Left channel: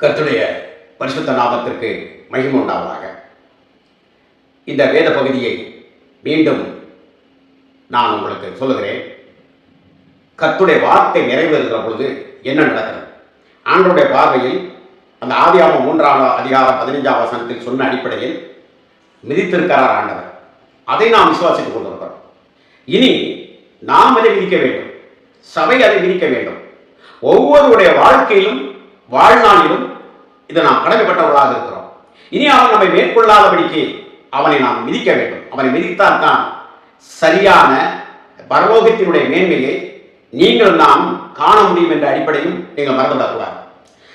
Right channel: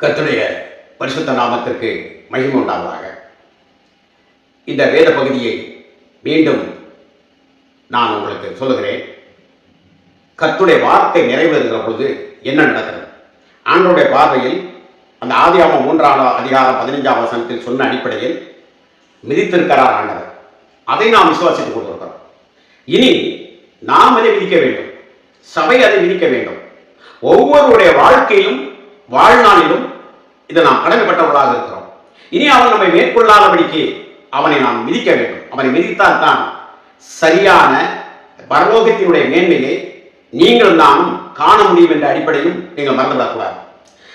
கர்த்தருடைய பரிசுத்த நாமத்திற்கு மகிமை உண்டாவதாக. இந்த வேத பகுதியை மீண்டும் நான் உங்களுக்கு சொல்லுகிறேன். கர்த்தருடைய வார்த்தை நிறைவேறுகிற பொழுது என்ன நடக்கிறது? ஆண்டவருடைய பார்வையில் அந்த ஆதியாகமம் 3ஆம் அதிகாரம் 15ஆம் வசனத்தில் சொன்ன அடிப்படையில் மிதித்திருக்கிறார் ஆண்டவர். அதை நாம் விசுவாசித்துக் கொண்டிருக்கிறோம். இனி நாம் அதை விதிக்க வேண்டும், சபை அதை விதிக்க வேண்டும். ஒவ்வொருடைய வாழ்க்கையிலும் வாழ்நாளிலும் இதை நாம் கடமைப்பட்டவர்களாக இருக்கிறோம். இனி அவன் நம்மை மேற்கொள்ளாதபடிக்கு அவனை நாம் மிதிக்க வேண்டும். அவனை மிதித்தால் தான் சரியான பரலோகத்தினுடைய மேன்மையை நீங்கள் நானும் காண முடியும் என்ற அடிப்படையும் நீங்கள் மறந்துவிடக்கூடாது.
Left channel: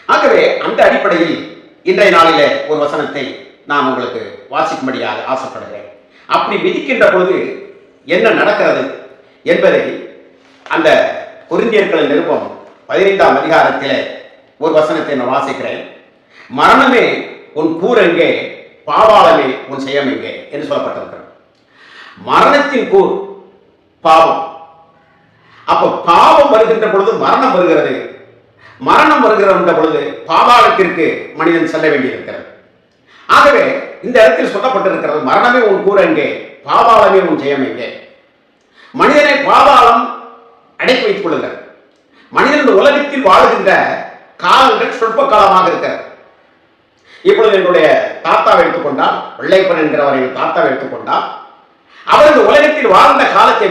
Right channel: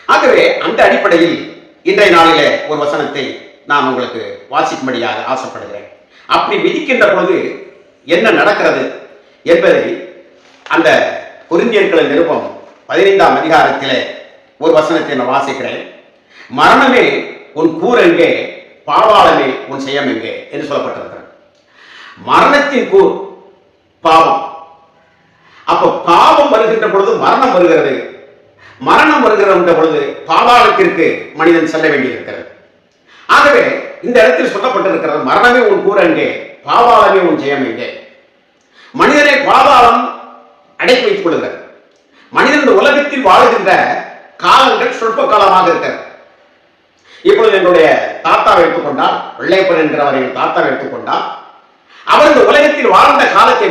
ஆகவே அந்த அடிப்படையில் இன்றைய நாளிலே ஒரு வசனத்தை நான் உங்களுக்கு வாசிக்கும்படியாக ஆசைப்படுகிறேன். அப்படி மிதிக்கின்ற பொழுது என்ன நடக்கிறது என்பதை அந்த கொரிந்தியர்களின் நிருபம் 15ஆம் அதிகாரத்திலே ஒரு வசனத்தை நான் வாசிக்கிறேன். மரணமே உன் கூர் எங்கே, பாவாளமே உன் செயம் எங்கே என்று சொல்லப்பட்டிருக்கிறது. மரணத்தின் கூர் பாவம். அப்ப பாவம் வருகின்ற பொழுது மரணம் வருகிறது. மரணம் வருகின்ற பொழுது பாதாளத்திற்கு மனிதன் செல்ல வேண்டியிருக்கிறது. ஆகவே இந்த இடத்தில் சொல்லப்பட்டிருக்கிறது, மரணமே உன் கூர் எங்கே, பாதாளமே உன் ஜெயம் எங்கே. மனிதனை பாதாளம் அடக்கி வைத்துக் கொள்கிறது. மனிதன் இந்த உலகத்தில் வாழுகின்ற காலங்கள் சொற்ப காலமாக இருக்கிறது. இப்பொழுது என்னுடைய தாத்தாவை எடுத்துக்கொண்டால், வெள்ளைப்பன் என்கிறவர் என் தாத்தாவை எடுத்துக்கொண்டால், அவர் இந்த உலகத்தில் வாழ்ந்த காலத்தை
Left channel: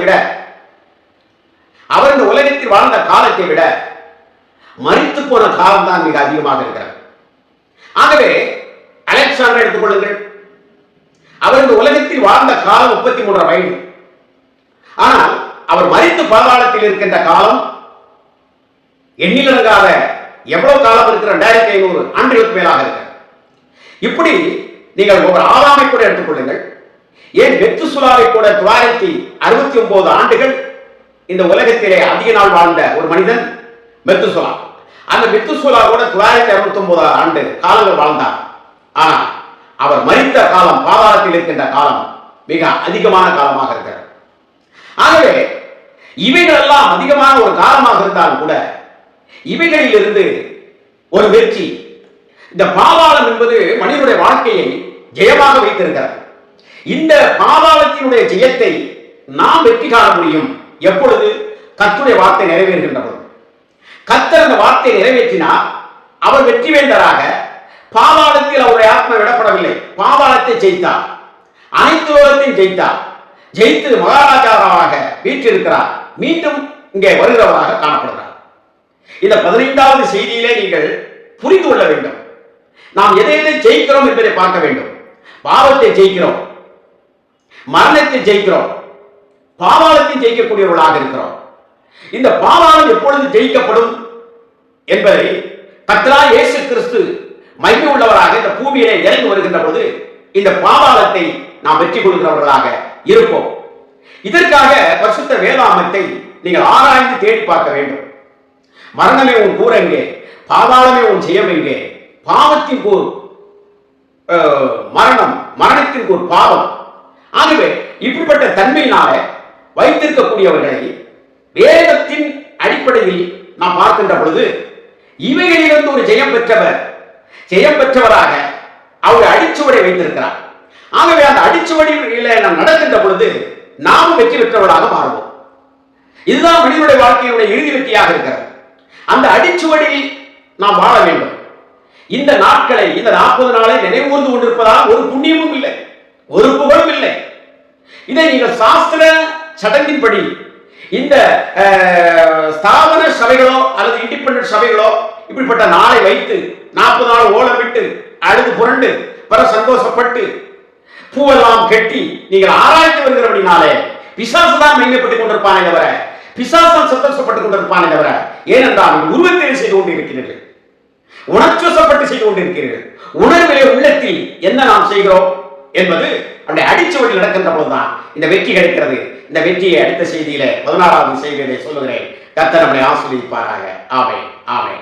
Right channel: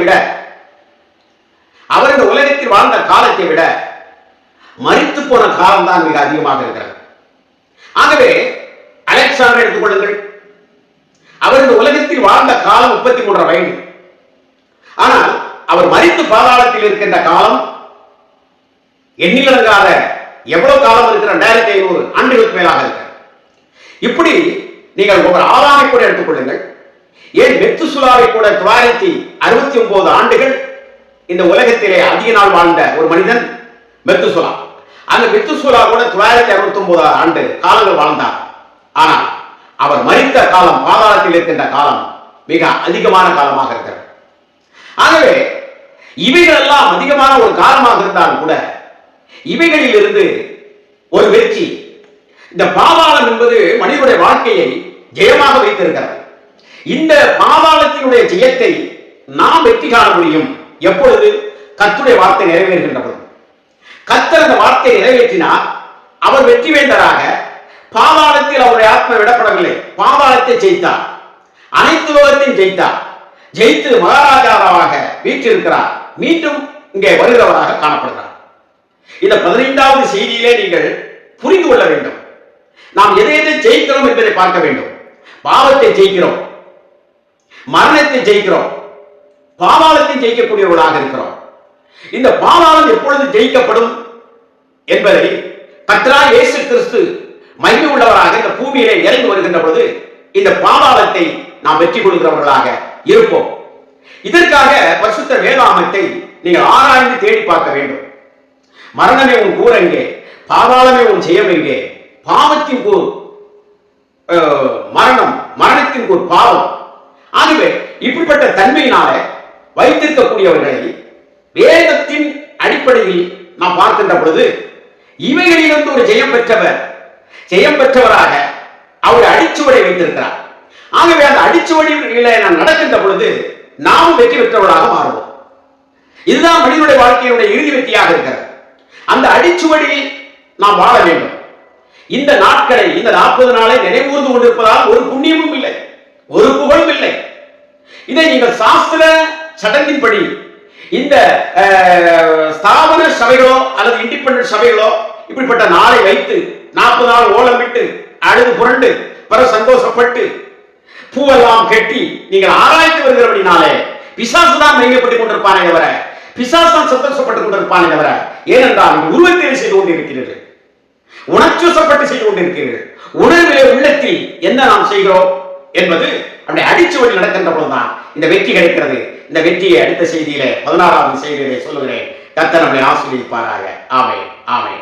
விட மரித்து போன காலம்தான் மிக அதிகமாக இருக்கிறது. ஆகவே அலெக்சாண்டர் எடுத்துக்கொள்ளுங்கள், அவர் இந்த உலகத்தில் வாழ்ந்த காலம் 33 வயது. ஆனால் அவர் மரித்து பாதாளத்தில் இருக்கின்ற காலம் எண்ணிலடங்காத எவ்வளவு காலம் இருக்கிற 2500 ஆண்டுகளுக்கு மேலாக இருக்கிறது. இப்படி நீங்கள் ஒவ்வொரு ஆதாமை கூட எடுத்துக்கொள்ளுங்கள். ஏன் மெத்துசுலாவை கூட 969 ஆண்டுகள் இந்த உலகத்திலே அதிக நாள் வாழ்ந்த ஒரு மனிதன் மெத்துசுலா. அந்த மெத்துசுலா கூட 969 ஆண்டு காலங்கள் வாழ்ந்தார். ஆனால் அவர் மரித்த காலம், பாதாளத்தில் இருக்கின்ற காலம் மிக அதிகமான காலமாக இருக்கிறது. ஆகவே இவைகள் எல்லாம் அதிகமான ஒரு காலமாக இருந்தாலும் கூட இவைகளில் இருந்து ஒரு வெற்றி, இந்த பாதாளம் என்பது மனிதனுடைய வாழ்க்கையை ஜெயமாக வைத்திருக்கிறது. இந்த பாதாளத்தினுடைய ஜெயத்தை நாம் வெற்றி காண முடியும் எப்பொழுது? கர்த்தருடைய வார்த்தை நிறைவேறுகின்ற பொழுது. கர்த்தர் அந்த வார்த்தை நிறைவேற்றினார். அவர் வெற்றி வேந்தராக பாதாளத்தில் அவருடைய ஆத்மா விடப்படவில்லை, பாதாளத்தை ஜெயித்தார், அனைத்து லோகத்தையும் ஜெயித்தார். ஜெயித்து மகாராஜாவாக வீற்றிருக்கிறார். மீண்டும் இங்கே வருகிறவராக காணப்படுகிறார். இந்த 15வது செய்தியிலே நீங்கள் புரிந்து கொள்ள வேண்டும். நாம் எதை ஜெயிக்கிறோம் என்பதை பார்க்க வேண்டும். பாவத்தை ஜெயிக்கிறோம், மரணத்தை ஜெயிக்கிறோம், பாதாளத்தை ஜெயிக்கக்கூடியவர்களாக இருக்கிறோம். இந்த பாதாளம் எப்பொழுது ஜெயிக்கப்படும் என்பதை கர்த்தராகிய இயேசு கிறிஸ்து மகிமை உள்ளவராக இந்த பூமியிலே இறங்கி வருகின்ற பொழுது இந்த பாதாளத்தை நாம் வெற்றி கொள்கிறவர்களாக இருப்போம். இதற்காக பரிசுத்த வேதாகமத்தை நீங்கள் ஆராய்ந்து தேடி பார்க்க வேண்டும். மரணமே உன் கூர் எங்கே, பாதாளமே உன் ஜெயம் எங்கே. பாவத்தின் கூர் மரணம், மரணத்தின் கூர் பாவம். ஆகவே இப்படிப்பட்ட தன்மையினால வைத்திருக்கக்கூடியவர்களை வேதத்தின் அடிப்படையில் நாம் பார்க்கின்ற பொழுது இவைகளிலிருந்து ஒரு ஜெயம் பெற்றவராக அவர் அடிச்சுவடை வைத்திருக்கிறார். ஆகவே அந்த அடிச்சுவடியில நாம் நடக்கின்ற பொழுது நாமும் வெற்றி பெற்றவர்களாக மாறுவோம். இதுதான் மனிதனுடைய வாழ்க்கையினுடைய இறுதி வெற்றியாக இருக்கிறது. அந்த அடிச்சுவடியில் நாம் வாழ வேண்டும். இந்த நாட்களை, இந்த 40 நாளை நினைவூர்ந்து கொண்டிருப்பதால் ஒரு புண்ணியமும் இல்லை, ஒரு புகழும் இல்லை. இதை நீங்கள் சாஸ்திர சடங்கின்படி இந்த ஸ்தாபன சபைகளோ அல்லது இண்டிபெண்டன்ட் சபைகளோ இப்படிப்பட்ட நாளை வைத்து 40 நாள் ஓலமிட்டு அழுது புரண்டு பிற சந்தோஷப்பட்டு பூவெல்லாம் கட்டி நீங்கள் ஆராய்ச்சி வருகிறபடினாலே பிசாசு தான் மையப்பட்டுக் கொண்டிருப்பானே தவிர, பிசாசு தான் சந்தோஷப்பட்டுக் கொண்டிருப்பானே தவிர. ஏனென்றால் நீங்கள் உருவத்தில் செய்து கொண்டிருக்கிறீர்கள், உணர்ச்சிவசப்பட்டு செய்து கொண்டிருக்கிறீர்கள். உணர்விலே உள்ளத்தில் என்ன நாம் செய்கிறோம் என்பது அப்படி அடிச்சுவடி நடக்கின்ற பொழுதுதான் இந்த வெற்றி கிடைக்கிறது. இந்த வெற்றியை அடுத்த செய்தியிலே 16வது செய்தியிலே சொல்லுகிறேன். கர்த்தர் நம்மை ஆசீர்வதிப்பாராக. ஆமென், ஆமென்.